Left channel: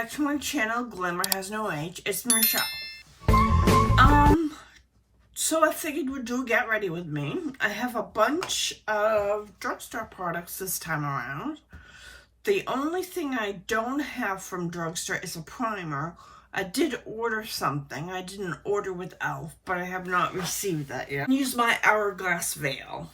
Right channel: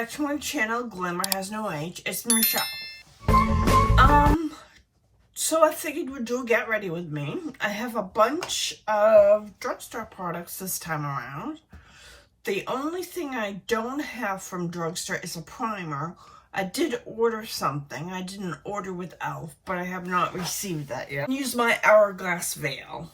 back to my channel, Glamour Has No Age. It's Michelle. So I figured we'd do a get ready with me. I have a bunch of drugstore products this time around. The only thing I don't have from drugstore is a primer. I did order something. I didn't order with e.l.f., but I have not received that yet. Use my Hourglass Veil.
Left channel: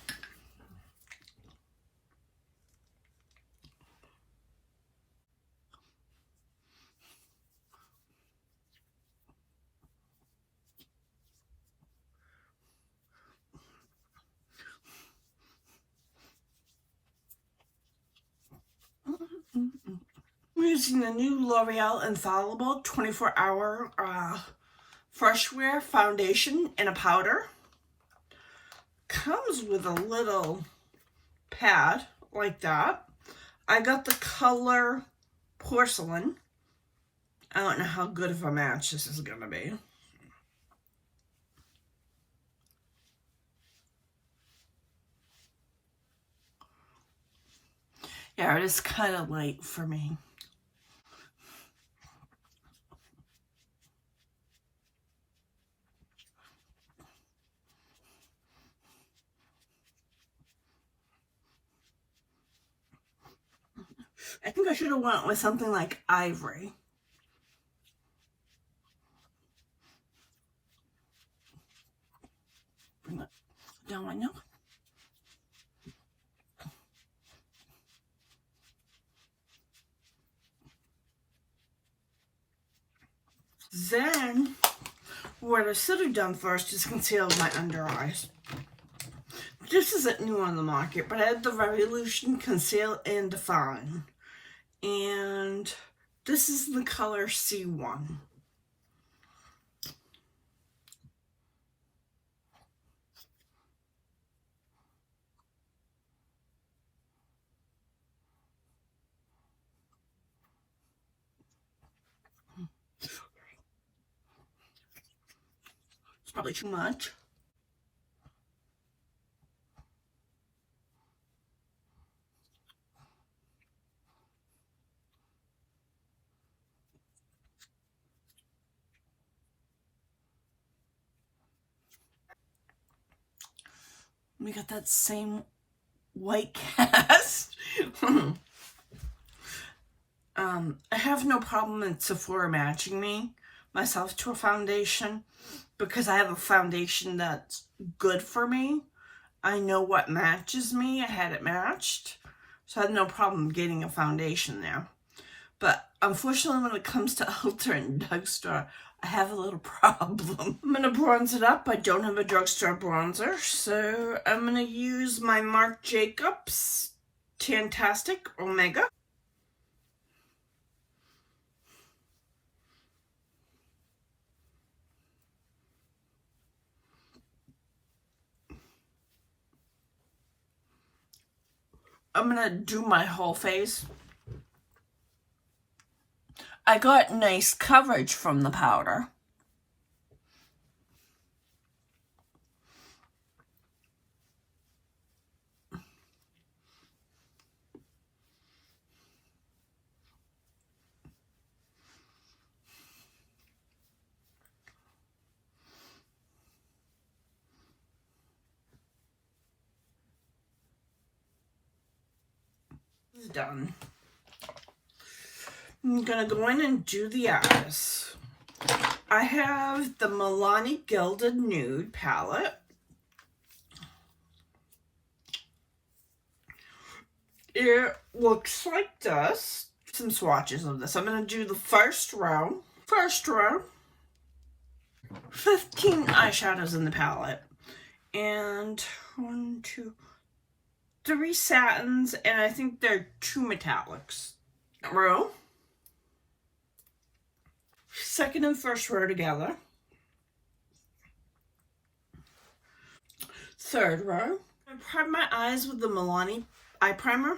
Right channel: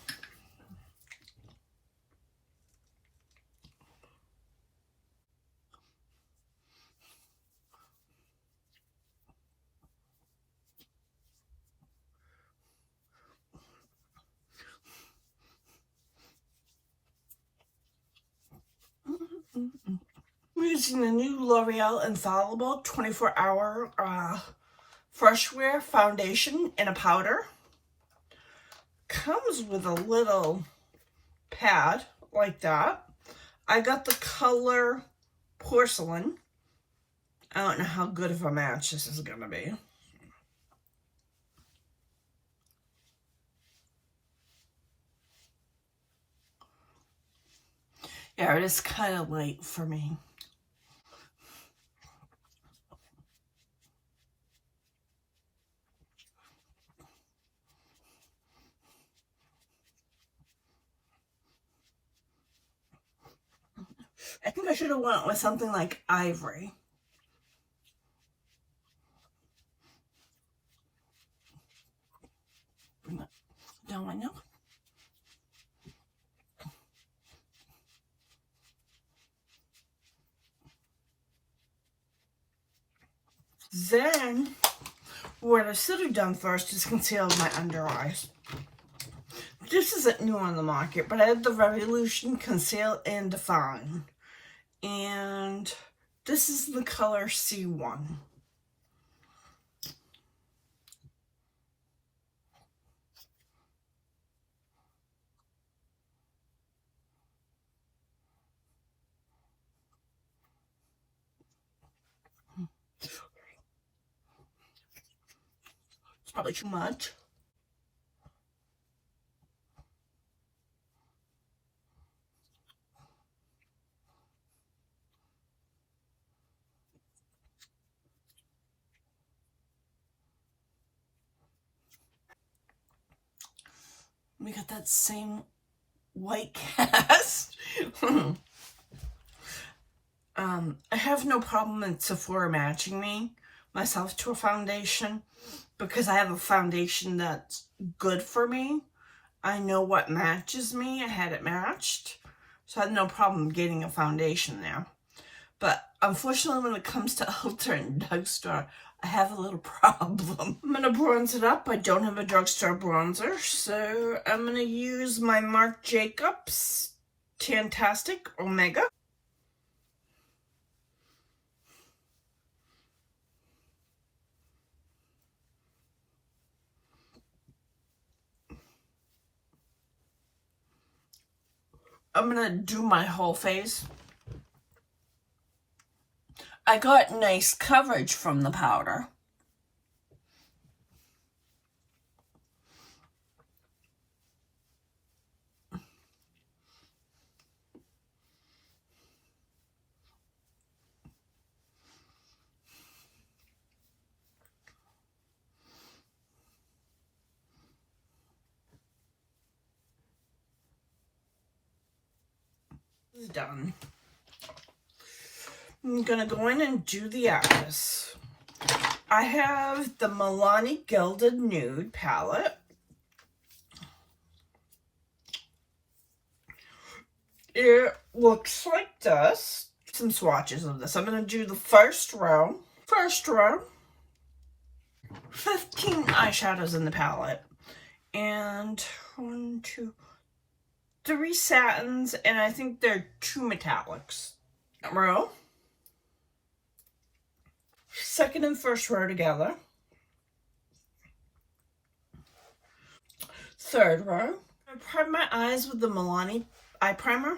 I'm using the new L'Oreal Infallible 24-hour Fresh Wear Foundation in a powder. Comes with a little pad like that. I got the color Porcelain. I don't know how good of a match this is going to be. Yeah, it is kind of light for me. I think I should have went with something like Ivory. Bring it down my nose. Then, what I should have done first is conceal my under eyes. This isn't new on the market, but I had the Revolution Conceal and Define. And this is the color C1. It's probably too much. We got that same white cast. I have no problem in Sephora matching myself to a foundation because I have a foundation that's good for me. I know what matches me. I had it matched, so I had no problem getting a foundation there. But unfortunately, when it comes to Ulta and drugstore, I have a little problem. I'm going to bronze it up. I don't have a drugstore bronzer, so I'm going to use my Marc Jacobs Tantastic Omega. I'm going to do my whole face. I got nice coverage from the powder. Done. I'm gonna go in and do the eyes. I have the Milani Gilded Nude palette. It looks like this. Some swatches of this. I'm gonna do the first row. 15 eyeshadows in the palette. And 1, 2, 3 satins, and I think there are 2 metallics. Row. Second and first row together. Third row. I prime my eyes with the Milani eye primer.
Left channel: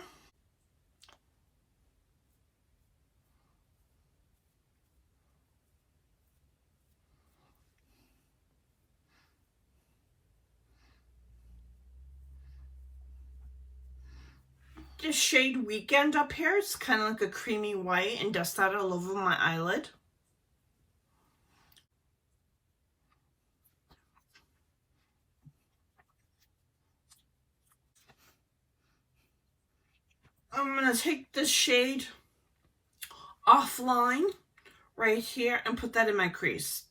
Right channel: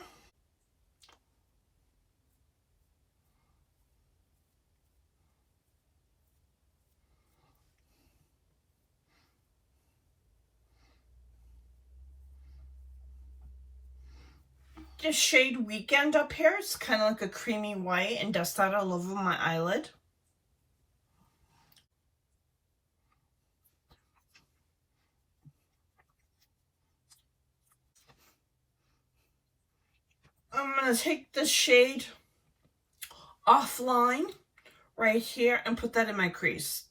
the shade Weekend up here. It's kind of like a creamy white, and dust that all over my eyelid. I'm going to take this shade Offline right here and put that in my crease.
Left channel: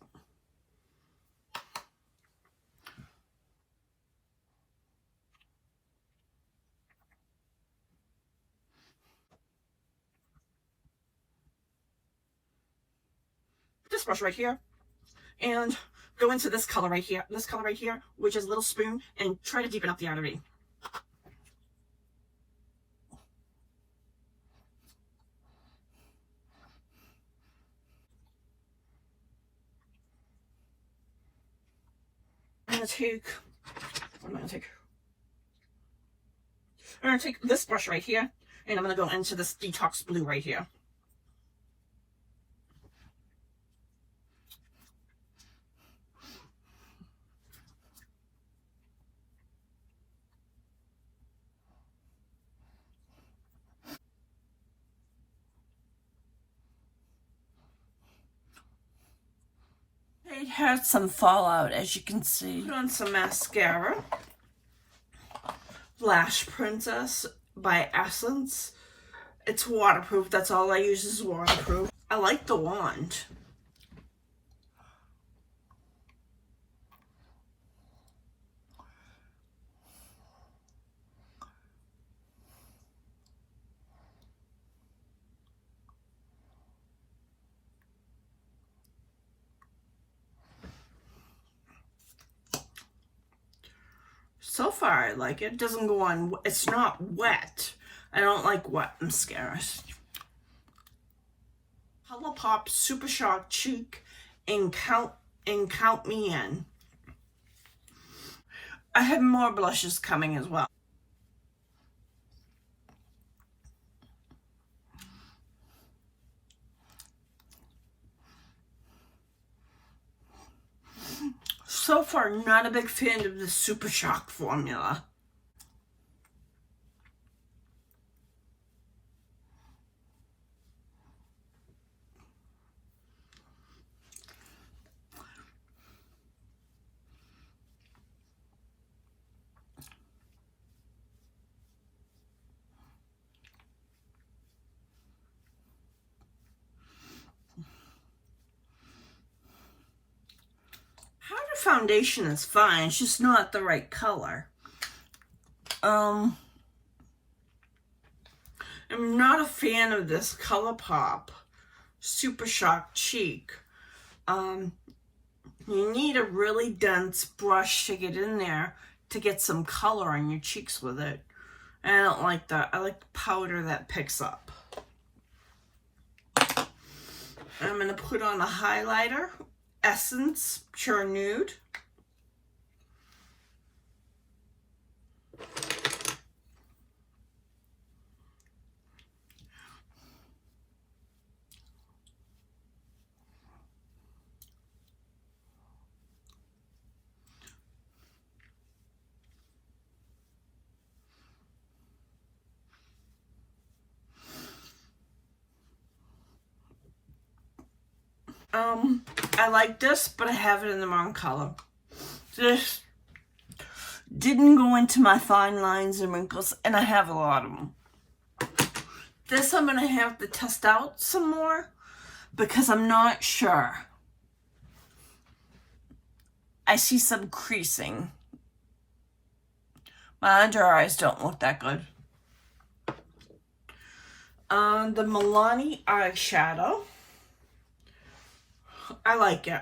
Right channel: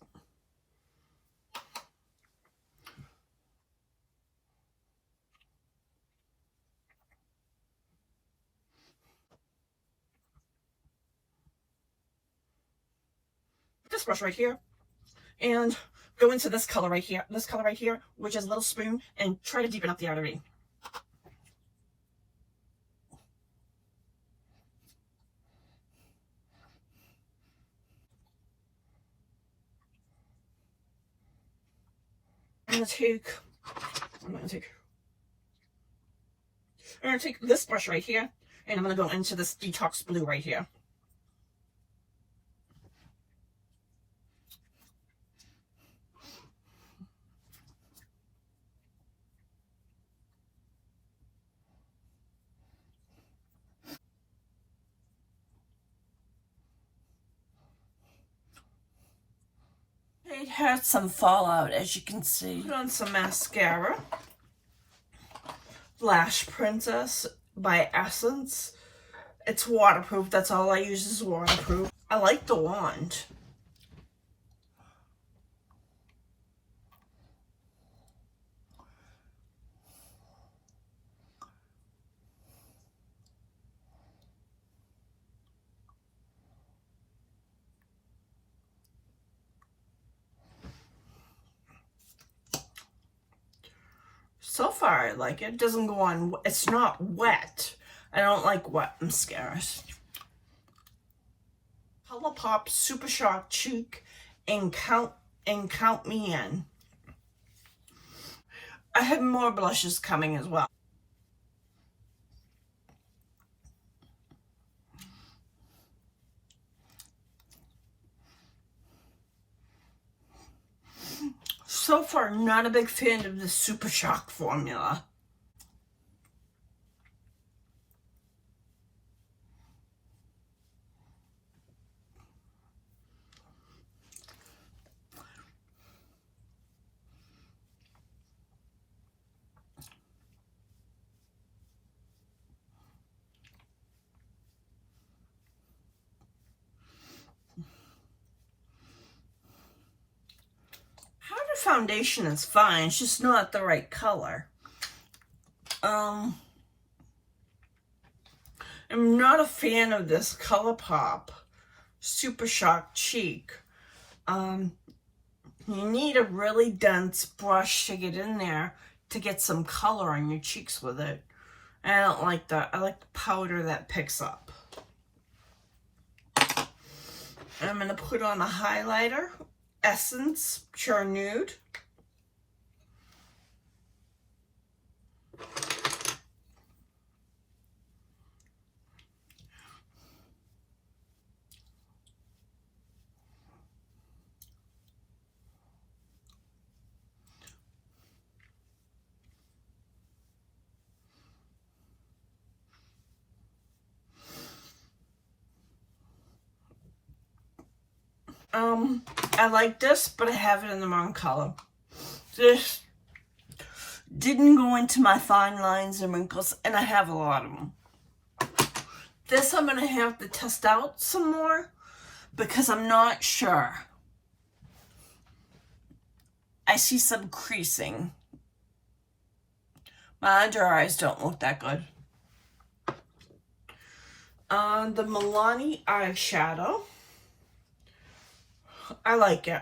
This brush right here, and go into this color right here, which is a little spoon, and try to deepen up the outer V. I'm going to take, what am I going to take? I'm going to take this brush right here, and I'm going to go into this Detox Blue right here. It had some fallout, as you can see. Put on some mascara. Lash Princess by Essence. It's waterproof. That's all I use is waterproof. I like the wand. So far, I like it. It doesn't go on, it's not wet. I don't like wet mascaras. ColourPop Super Shock Cheek and Count Me In. I have more blushes coming as well. So far, not a big fan of the Super Shock formula. Foundation is fine, it's just not the right color. I'm not a fan of this ColourPop Super Shock Cheek. You need a really dense brush to get in there to get some color on your cheeks with it. I don't like that. I like the powder that picks up. I'm going to put on a highlighter. Essence Pure Nude. I like this, but I have it in the wrong color. This didn't go into my fine lines and wrinkles, and I have a lot of them. This I'm going to have to test out some more because I'm not sure. I see some creasing. My under eyes don't look that good. The Milani eyeshadow. I like it.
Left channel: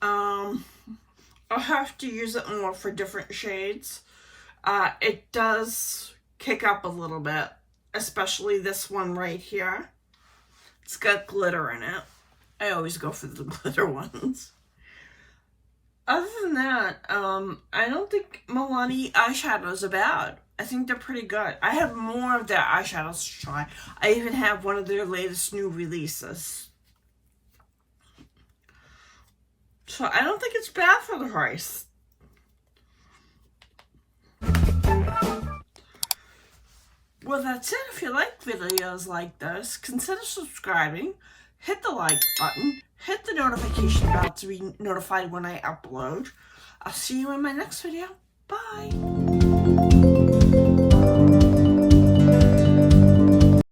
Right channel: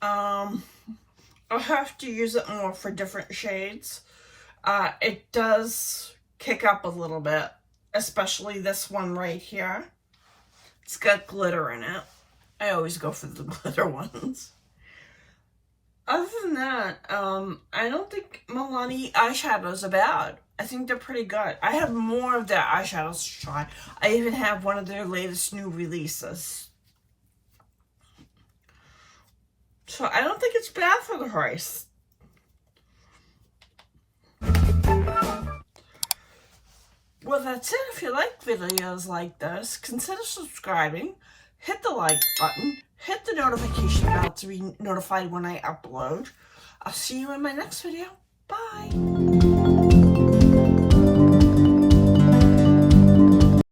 I'll have to use it more for different shades. It does kick up a little bit, especially this one right here. It's got glitter in it. I always go for the glitter ones. Other than that, I don't think Milani eyeshadows are bad. I think they're pretty good. I have more of their eyeshadows to try. I even have one of their latest new releases. So I don't think it's bad for the price. Well, that's it. If you like videos like this, consider subscribing, hit the like button, hit the notification bell to be notified when I upload. I'll see you in my next video. Bye!